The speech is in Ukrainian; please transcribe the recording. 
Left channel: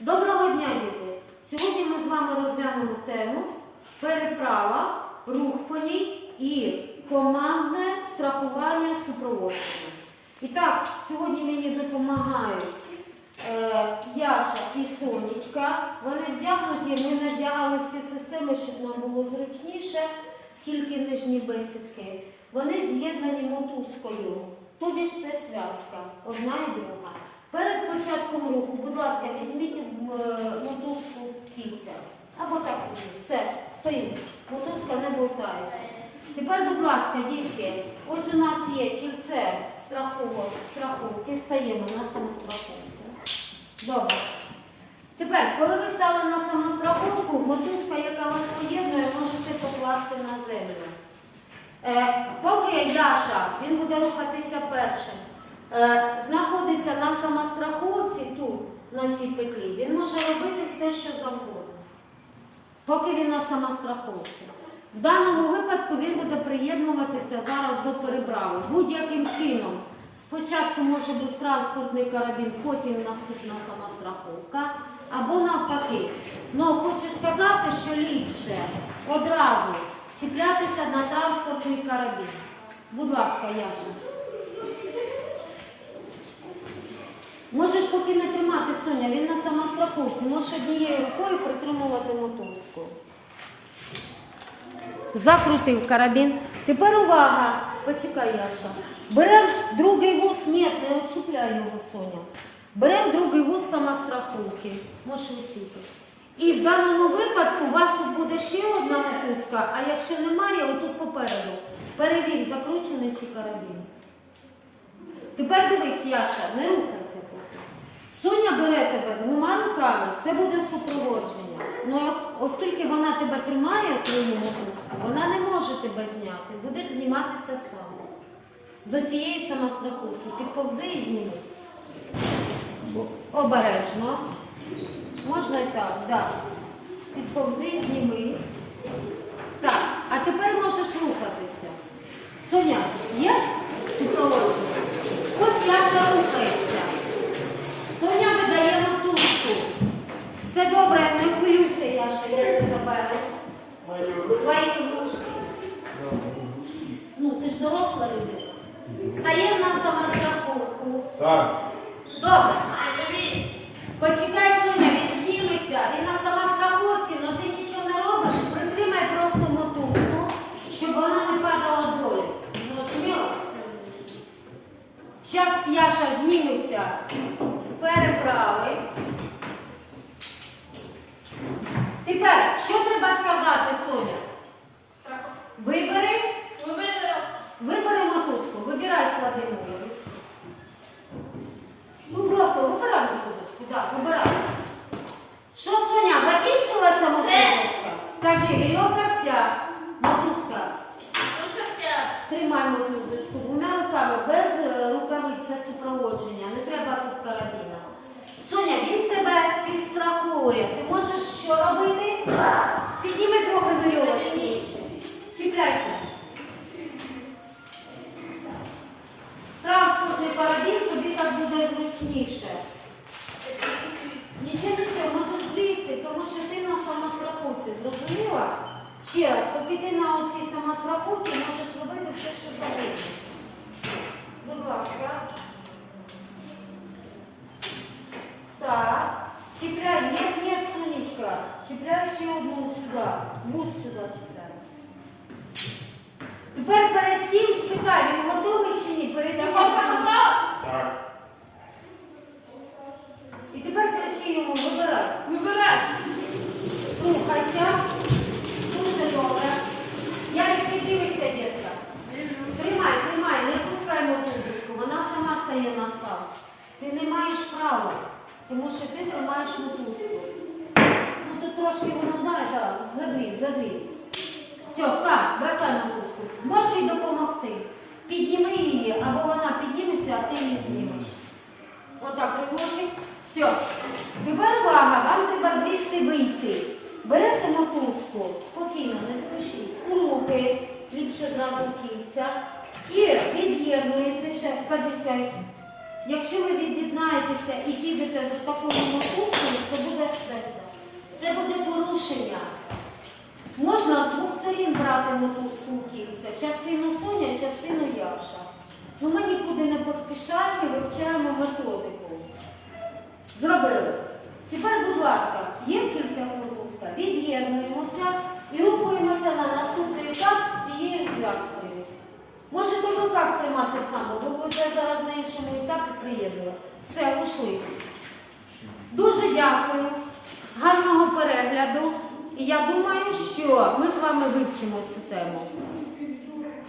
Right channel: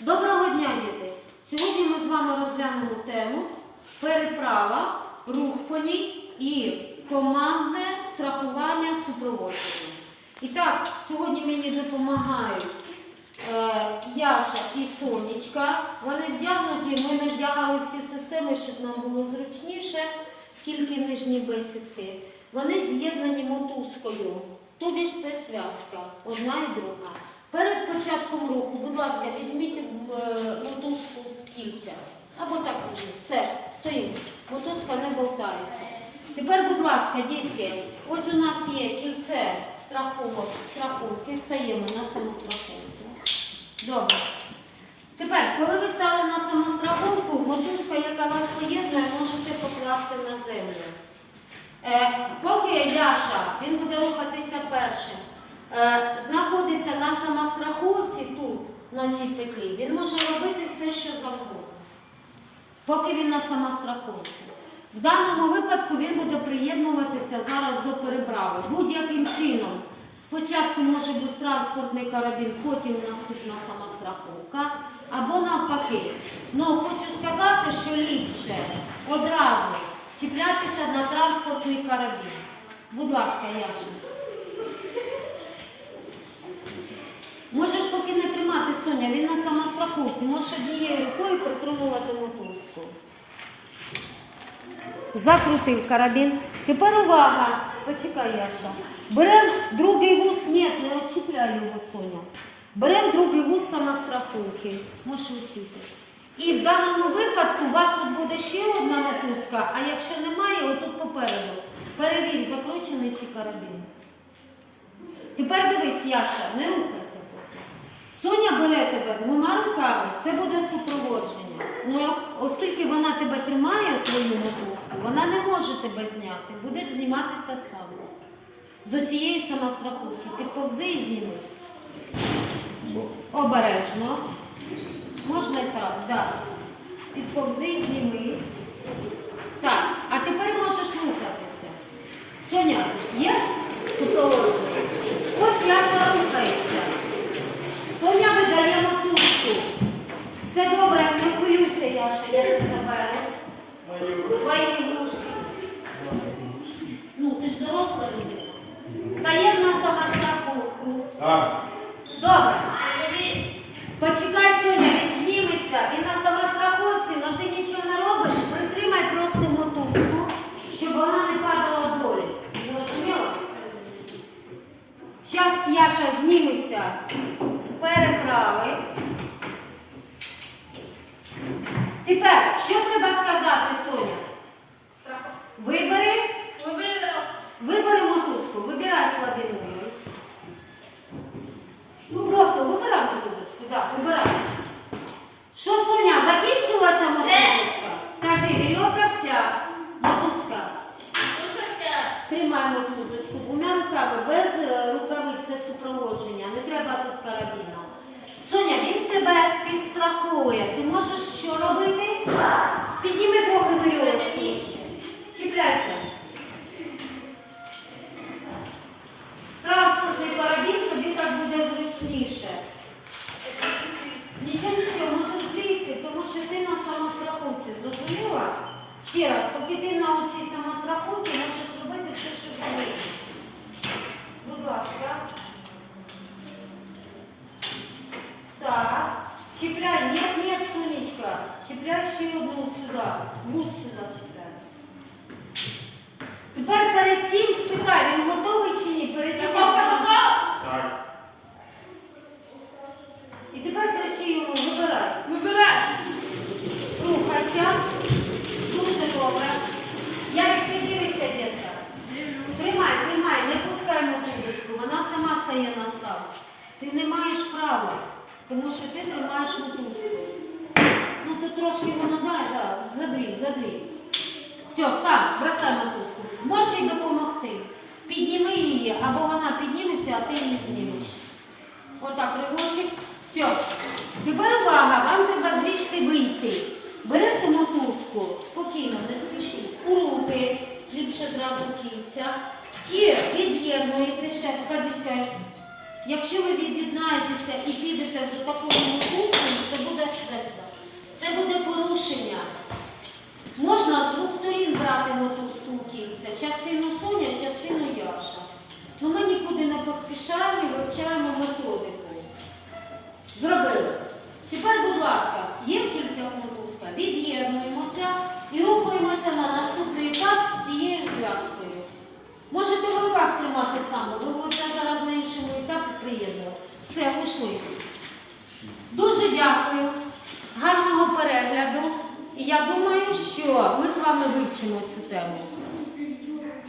Доброго дня, діти! Сьогодні ми з вами розглянемо тему переправа, рух по ній і командне страхування супроводження. І так, сьогодні мені допомагають е, Яша і Сонечка. Вони вдягнуті, ми надягали всі системи, щоб нам було зручніше, тільки нижні бесідки. Вони з'єднані мотузкою, тобі ж це зв'язка, одна і друга. Перед початком руху, будь ласка, візьміть е, мотузку кільця. Або так візьміть. Все, стоїмо. Мотузка не болтається. Тепер, будь ласка, дітки, ось у нас є кільце страховок, страховки, стаємо на самостраховку. Добре. Тепер, коли ви стали на самостраховку, мотузка, яка вас поєднує, можете покласти на землю. Е, поки Яша, він буде рухатися першим, знаходиться на самостраховці тут, на цій петлі, він може робити все, що завгодно. Поки він на самостраховці. В даному випадку він буде приєднуватися зараз до переправи. Будь-яким чином. Спочатку може бути транспортний карабін, потім наступна самостраховка, або навпаки. Ну, хочу сказати, що ліпше одразу чіплятися на транспортний карабін. Будь ласка, Яша. Можеш поки не тримати Соня, він на самостраховці. Можеш однією рукою притримувати мотузку. Закрутив карабін. Тепер увага. Почекай, Яша. Беремо другий вуз. Ні, не очіпляй його, Соня. Беремо другий вуз самостраховки. Можеш висіти. І в даному випадку у вас тут буде ще одна мотузка, а якщо немає, отут попереду. Перевір, закручений чи карабін. Тепер дивись, Яша, не поки. Соня бере тебе двома руками, це буде супроводження. Ну, оскільки вона тебе тримає, твою мотузку, вона не може тебе зняти. Будеш зніматися сам. З оцієї самостраховки. Підповзи і знімись. Обережно. Можна і так, так. Підповзи і знімись. Так, а тепер можеш рухатися. Соня, є супроводження? Ось Яша рухається. Соня видає мотузку. Все добре, не хвилюйся, Яша, я не заберу. Твої ігрушки. Ну, ти ж доросла людина. Стає на самостраховку. Сам. Добре. Почекай, Соня, він зніметься. Він на самостраховці, але ти нічого не робиш. Притримай просто мотузку, щоб вона не падала долі. Зрозуміло? Зараз Яша зніметься з переправи. Тепер, що треба сказати, Соня? Вибери, вибери мотузку, вибирай слабиною. Ну просто вибирай мотузочку, так, вибирай. Що, Соня, закінчилася мотузочка? Кажи, вірьовка вся, мотузка. Тримай мотузочку двома руками, без е, рукавиць це супроводження, не треба тут карабіна. Соня, він тебе підстраховує. Ти можеш що робити? Підніми трохи вірьовочку ще. Чіпляйся. Транспортний карабін тобі так буде зручніше. Нічого, нічого, можеш злізти, тому що ти на самостраховці. Зрозуміла? Ще раз, поки ти на оцій самостраховці можеш робити все, що завгодно. Будь ласка. Так. Чіпляй. Нет, нет, Сонечка. Чіпляй ще одну сюди. Вуз сюди чіпляй. Тепер перед цим спитай, він готовий чи ні? Перед як- Так. І тепер кричи йому, вибирай. Вибирай. Рухайся. Дуже добре. Я дивися, дітка. Тримай, тримай, не пускай мотузочку, вона сама стає на сам. Ти не маєш права, тому що ти тримаєш мотузку. Ну то трошки воно дай, так, задвій, задвій. Все, сам, бросай мотузку. Можеш їй допомогти. Підніми її, або вона підніметься, а ти її знімеш. Отак, ривочок. Все. Тепер увага, вам треба звідси вийти. Берете мотузку, спокійно, не спішіть, у руки, ліпше зразу в кільця. І від'єднуєте ще, почекай. Якщо ви від'єднаєтеся і підете за такою мотузкою, це це буде порушення. Можна з двох сторін брати мотузку кільця, частину Соня, частину Яша. Ну Ми нікуди не поспішаємо і вивчаємо методику. Зробили. Тепер, будь ласка, є кільця мотузка, від'єднуємося і рухаємося на наступний етап з цією зв'язкою. Можете в руках тримати саме, ви будете зараз на іншому етапі приєднувати. Все, пішли. Дуже дякую. Гарного перегляду. І я думаю, що ми з вами вивчимо цю тему.